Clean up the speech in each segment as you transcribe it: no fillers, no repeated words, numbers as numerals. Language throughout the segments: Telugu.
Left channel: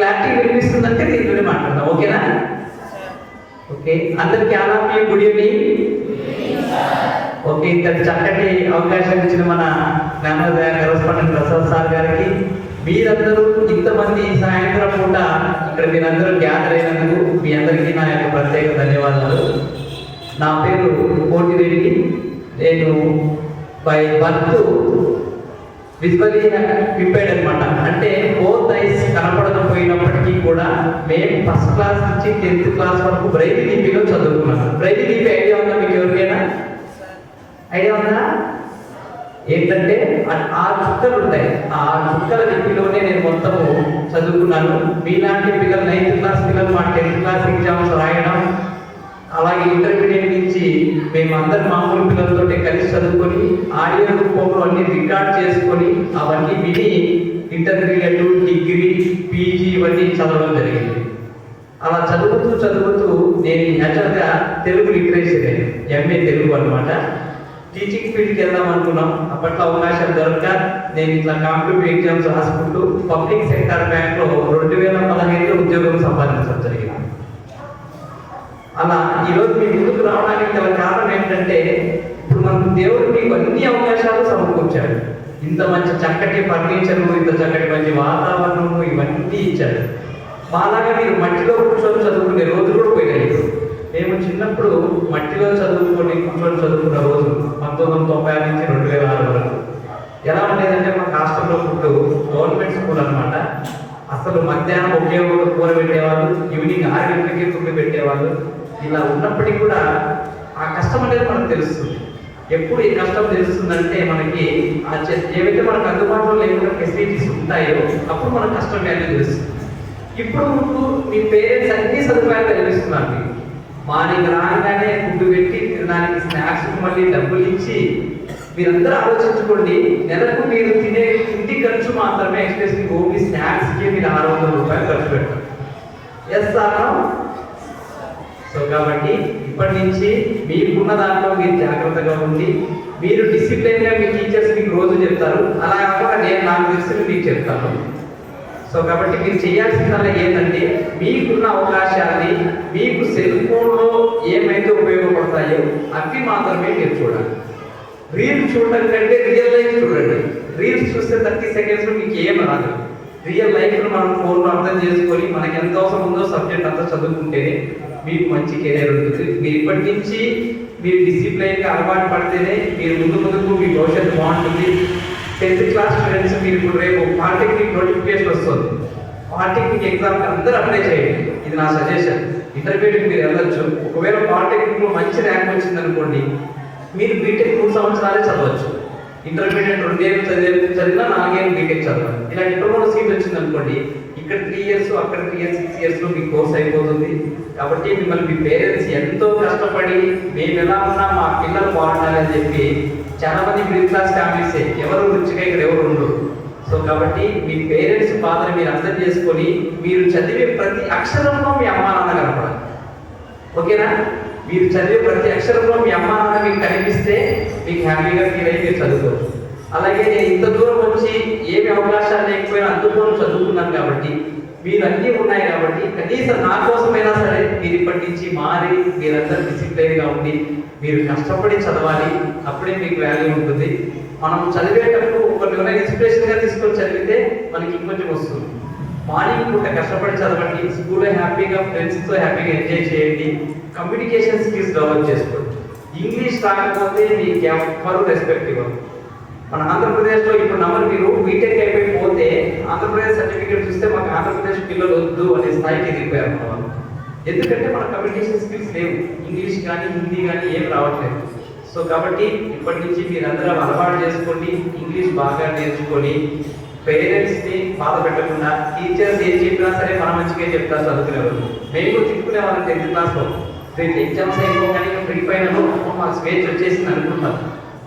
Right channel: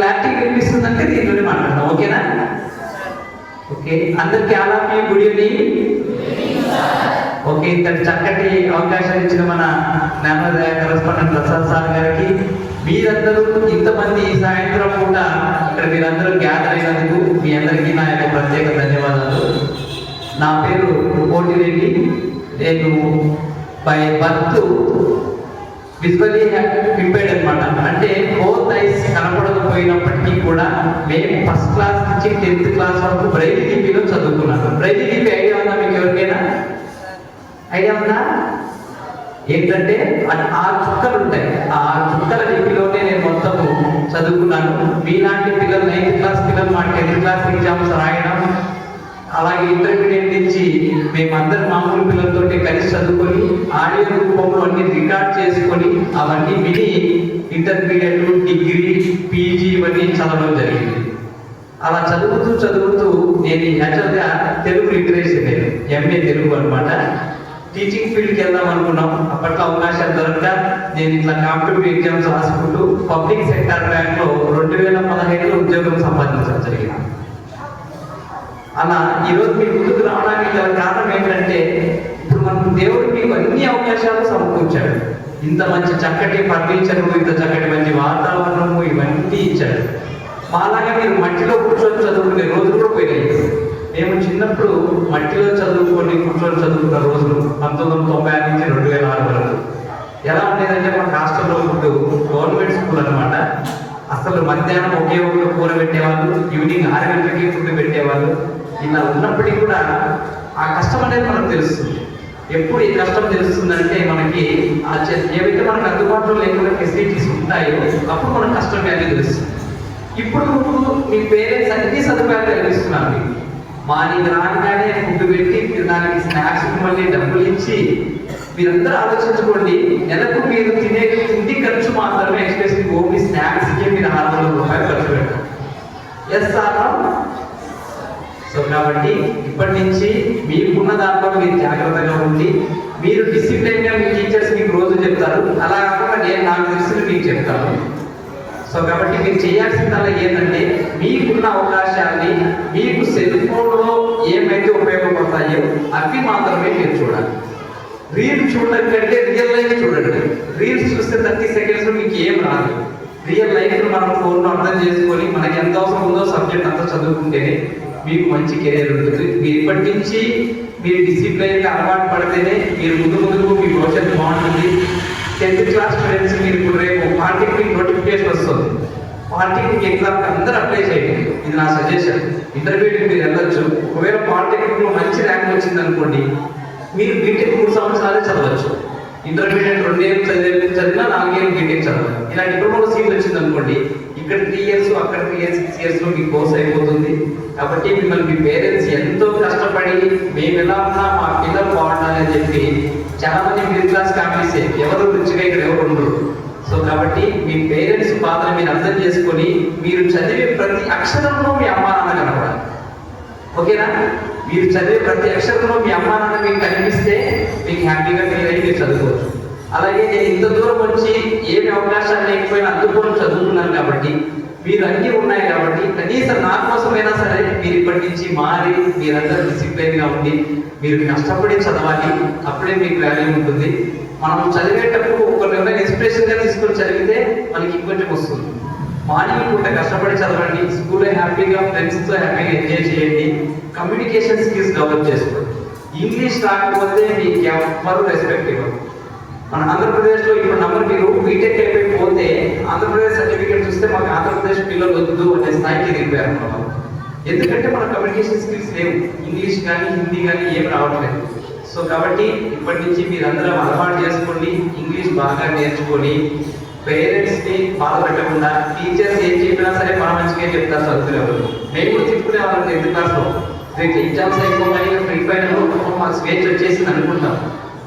క్లారిటీ వినిపిస్తుందంటే దీంట్లోనే మాట్లాడతాం. ఓకేనా? ఓకే, అందరికి ఆలాపి గుడ్ ఈవినింగ్. ఓకే, ఇంతటి చక్కటి అవకాశం ఇచ్చిన మన జ్ఞానోదయ కరస్పాండెంట్ ప్రసాద్ సార్ గారికి, మీరందరూ ఇంతమంది సాయంత్రం పూట ఇక్కడ మీరందరూ గ్యాదర్ అయినందుకు మీ అందరికీ నా యొక్క ప్రత్యేక ధన్యవాదాలు. నా పేరు కోటిరెడ్డి. నేను బై బర్త్ విజువల్లీ ఇంపైర్డ్ అనమాట. అంటే బోత్ ఐస్ కనపడకపోయినప్పటికీ కూడా మేము ఫస్ట్ క్లాస్ నుంచి 10th క్లాస్ వరకు బ్రైల్ లిపిలో చదువుకున్నాను. బ్రైల్ లిపి ఐడియా ఉందా మీకు ఎవరికైనా? ఐడియా ఉందా? ఏంటంటే ఆ చుక్కలు ఉంటాయి, ఆ చుక్కల లిపిలోనే నేను మొత్తము చదువుకున్నాను. మీలాంటి పిల్లలు 9th క్లాస్ పిల్లలు మా 10th క్లాస్ ఎగ్జామ్స్ రాయడం, అలాగే ఇంటర్మీడియట్ నుంచి మేమందరం మామూలు పిల్లలతో కలిసి చదువుకొని ఆడియో రూపంలో అన్ని రికార్డ్ చేసుకొని అవన్నీ విని ఇంటర్మీడియట్, డిగ్రీ, పీజీ ఇవన్నీ చదవడం జరిగింది. అలా చదువుతూ నేను యాక్చువల్గా తెలుగు లిటరేచర్, ఎంఏ తెలుగు అనమాట. టీచింగ్ ఫీల్డ్కి వెళ్దాం అనుకున్నాం. అప్పట్లో అవకాశం దొరక నేను ఇట్లా కాంపిటేటివ్ ఎగ్జామ్స్ రాసుకుంటూ పబ్లిక్ సెక్టార్ బ్యాంక్లో 2015లో ఉద్యోగం సంపాదించడం జరిగింది. అలా ఈరోజు మీ ముందుకు రావడానికి గల కారణం ఏంటంటే, ఇప్పుడు మనకు దేవుడు మీకు అన్ని అవకాశాలు సమకూర్చాడు. ఇంత మంచి చక్కటి ఫర్నిచరు, ఇంత చక్కటి మంచి వాతావరణము ఇవన్నీ ఇచ్చాడు. మాలాగా మీరు మట్టిలో కూర్చొని చదువుకునే రోజులు కూడా పోయినాయి. మేము చిన్నప్పుడు మట్టిలో కూర్చొని చదువుకున్న రోజులు 1990 నుంచి 2006 వరకు ఎలా ఉండేదంటే, మా హాస్టల్లో ఫుడ్ గవర్నమెంట్ స్కూల్ అనమాట. అసలు మధ్యాహ్నం ఒకే ఒక కూర పెట్టేవాళ్ళు, ఈవినింగ్ 6 గంటలకి ఫుడ్ పెట్టేవాళ్ళు. ఇలా ఉన్నప్పటికీ కూడా ఆ కష్టం అనేది మనకు తెలుస్తుంది. ఎప్పుడు ఈ కష్టం తెలుస్తుందంటే, మనకి ఏవైతే మనకు అందుబాటులో లేకుండా ఫెసిలిటీస్ ఉంటాయో అప్పుడు మనకు కష్టం అనేది తెలుస్తుంది. ఇప్పుడు మీ పేరెంట్స్ అన్ని సదుపాయాలు కలిగిస్తున్నారు. మార్నింగ్ రాగానే ఫుడ్ పెట్టి దానికి స్నాక్స్ మళ్ళీ డబ్బులు ఇచ్చి, మీరందరూ ఆలోచించుకోండి, నెలకు మీరు తినే ఇంటి ఖర్చు మాత్రమే ఎక్స్పెషల్లీ ఓన్లీ స్నాక్స్కి మీరు 600 రూపాయలు ఖర్చు పెడతారు. Yes sir. సో కాబట్టి ఇప్పటి నుంచి మీకున్న దాంట్లో మీరు జాగ్రత్తగా ఉండి, మీరు డిసిప్లిన్గా మీ టీచర్స్ మీకు రోజు చెప్తారు, అలా కాకుండా నేను నాకు తెలిసిన మీకు చెప్తాను. సో కాబట్టి మీరు చేయాల్సిందల్లా ఏంటంటే, మీకున్న అవకాశాన్ని మీకు సెల్ ఫోన్లో ఏమైతే ఉపయోగపడతాయో అవి మాత్రమే మీరు చూడాలి. రీల్స్ చూడడం కంటే రియల్ లైఫ్ చూడండి. రీల్స్ చూస్తే 30 సెకండ్స్లో మీకు ఏం రాదు. రియల్ లైఫ్ను మనం ఫోన్లో అర్థం చేసుకొని మనకి ఎంత అవసరం ఉందో సబ్జెక్ట్ అంతా చదువుకుంటేనే మీకు మంచి కెరీర్ ఉంటుంది. మీరు ఇప్పటి నుంచి మీరు డిసిప్లైన్గా అలవాటు పడితేనే మీరు ముందుకు మీ భవిష్యత్తు బాగుంటుంది. 10th క్లాస్ స్టూడెంట్స్ మీరు ఇప్పుడు రేపు పాలిటెక్నిక్ నోటిఫికేషన్ వస్తుంది. పాలిటెక్నిక్ ఎగ్జామ్కి అందరూ అప్లై చేయండి. ఇది నా సజెషన్. ఇంటర్మీడియట్ మీరు వెళ్ళొచ్చు. ఒకవేళ పాలిటెక్నిక్లో మంచి ర్యాంక్ వచ్చింది అనుకోండి, మీరు బీటెక్ 3 సంవత్సరాలే చదవచ్చు. ఇంటర్మీడియట్ 2 ఏళ్ళు చదివినా 4 ఏళ్ళు బీటెక్ చదవాలి. ఇలా డిప్లొమాలో సీట్ వచ్చింది అనుకోండి, ఇక్కడ 3 ఇయర్స్ అక్కడ 3 ఇయర్స్ 6 ఇయర్స్లో మీ కోర్స్ అయిపోతుంది. కాబట్టి మిమ్మల్ని మీ పేరెంట్స్ ఎంతో కష్టపడి మేము ఎలా ఉన్నా మా పిల్లలు బాగుండాలి అని చెప్పి, చాలా మంది మిడిల్ క్లాస్ ఫ్యామిలీసే, ఎవరు రిచ్గా ఇక్కడ ఎవరు ఉండరు. సో కాబట్టి మీ పేరెంట్స్ పాత్ర మీరు అర్థం చేసుకొని, మీరు చదివే ప్రతి అక్షరంలో మీ అమ్మా నాన్న కనపడాలి. ఓకేనా? మీరు చదివే ప్రతి అక్షరంలో మీ అమ్మా నాన్న మీకు కనిపిస్తే మీకు హ్యాపీగా ఫీల్ అయ్యి మీరు చదువుకోవచ్చు. అలాగే నేను ఇంత దూరం వచ్చి ఏమి అవకాశాలు లేకపోయినా అందుకోవడం చదువుకున్నాను కాబట్టి, మీరు అన్నీ ఉన్నాయి కాబట్టి, కనీసం నా కోసమైనా సరే మీరు ఇప్పటి నుంచి మారి మీరందరూ డిసిప్లైన్గా ఉండి మీరు కష్టపడి చదవాలి. అప్పుడే మీకు వాల్యూ ఉంటుంది. మనం చదివేటప్పుడు ఒకరిని ఇన్స్పిరేషన్గా తీసుకొని చదివితే మనకి ఇంకొంచెం వస్తుంది. మార్నింగ్ పూట కష్టపడి చదవండి, స్కూల్లో హ్యాపీగా ఫ్రెండ్స్తో హ్యాపీగా ఎంజాయ్ చేయండి, కమ్యూనికేషన్ స్కిల్స్ డెవలప్ చేసుకోండి. ఇంగ్లీష్ రాకపోతే మీకు ఎవరు రెస్పెక్ట్ ఇవ్వరు. మన ఆంధ్రప్రదేశ్లో ఇప్పుడు మీరు బీటెక్ అయిపోతే ఆంధ్రప్రదేశ్ సర్టిఫికేట్ చూస్తే మాకు ఆంధ్రప్రదేశ్ పిల్లలు వద్దు అనే స్థాయికి ఎదిగిపోయారు మన వాళ్ళు. ఎందుకంటే మన కమ్యూనికేషన్ స్కిల్స్ లేవు, ఇంగ్లీష్ కానీ హిందీ కానీ ఏం రావట్లేదు. సో కాబట్టి ఇప్పటి నుంచి మీరందరూ అలవాటు చేసుకోండి, ఇంగ్లీష్ బాగా నేర్చుకొని, పేరెంట్స్ని బాధ పెట్టకుండా, టీచర్స్ ఏం చెప్పినా సరే మన మంచిగా చెప్తారు చదువుకునేవాళ్ళు. మేము కూడా తిప్పుకునే వాళ్ళం 10th క్లాస్లో. రేపు ఎగ్జామ్స్ అయిపోయి ఫ్రీ ఫైనల్ మాకు స్వేచ్ఛ వచ్చేసి అనుకుంటాం.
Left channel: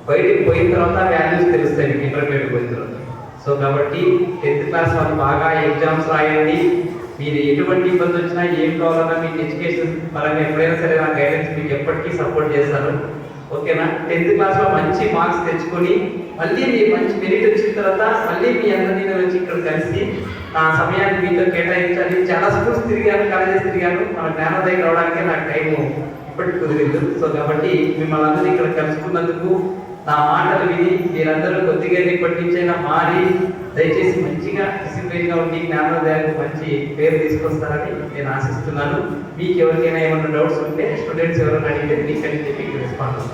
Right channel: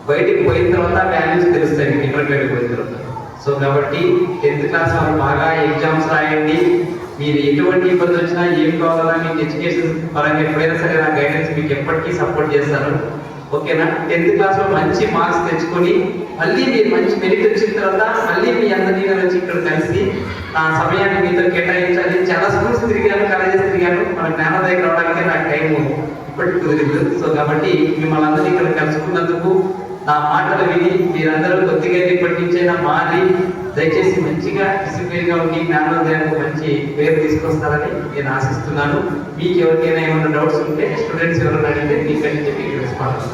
బయటికి పోయిన తర్వాత వాల్యూస్ తెలుస్తాయి మీకు ఇంటర్మీడియట్ పోయిన తర్వాత. సో కాబట్టి 10th క్లాస్ వాళ్ళు బాగా ఎగ్జామ్స్ రాయండి. మీరు ఎటువంటి ఇబ్బంది వచ్చినా ఏం కావాలన్నా మీకు ఎడ్యుకేషన్ పరంగా ఎప్పుడైనా సరే నా గైడెన్స్ మీకు ఎప్పటికీ సపోర్ట్ చేస్తాను. ఓకేనా? 10th క్లాస్లో మంచి మార్క్స్ తెచ్చుకొని మళ్ళీ మీరు మంచి మెరిట్ వచ్చిన తర్వాత మళ్ళీ మీ అందరినీ నేను వచ్చి ఇక్కడ కలిసి నా సమయాన్ని మీతో కేటాయించాలి. చాలా స్కూల్స్ తిరిగాను, కాలేజెస్ తిరిగాను, మన జ్ఞానోదయం రావడానికి నాకు టైము ఇప్పటికి కుదిరింది. సో కాబట్టి మిమ్మల్ని అందరూ ఇక్కడ కలుసుకున్నందుకు, నా మాటలు విని మీరందరూ కొద్దిగా ఇప్పటి నుంచైనా మారి దయచేసి మంచిగా డిసిప్లిన్గా ఉండి జ్ఞానోదయానికి మంచి పేరు తీసుకొస్తారని నేను ఆశిస్తున్నాను. మీకు ఎవరికైనా ఏమైనా డౌట్స్ ఉంటే స్టూడెంట్స్ ఎవరైనా అడిగితే మీకని చెప్పి రెస్పాన్స్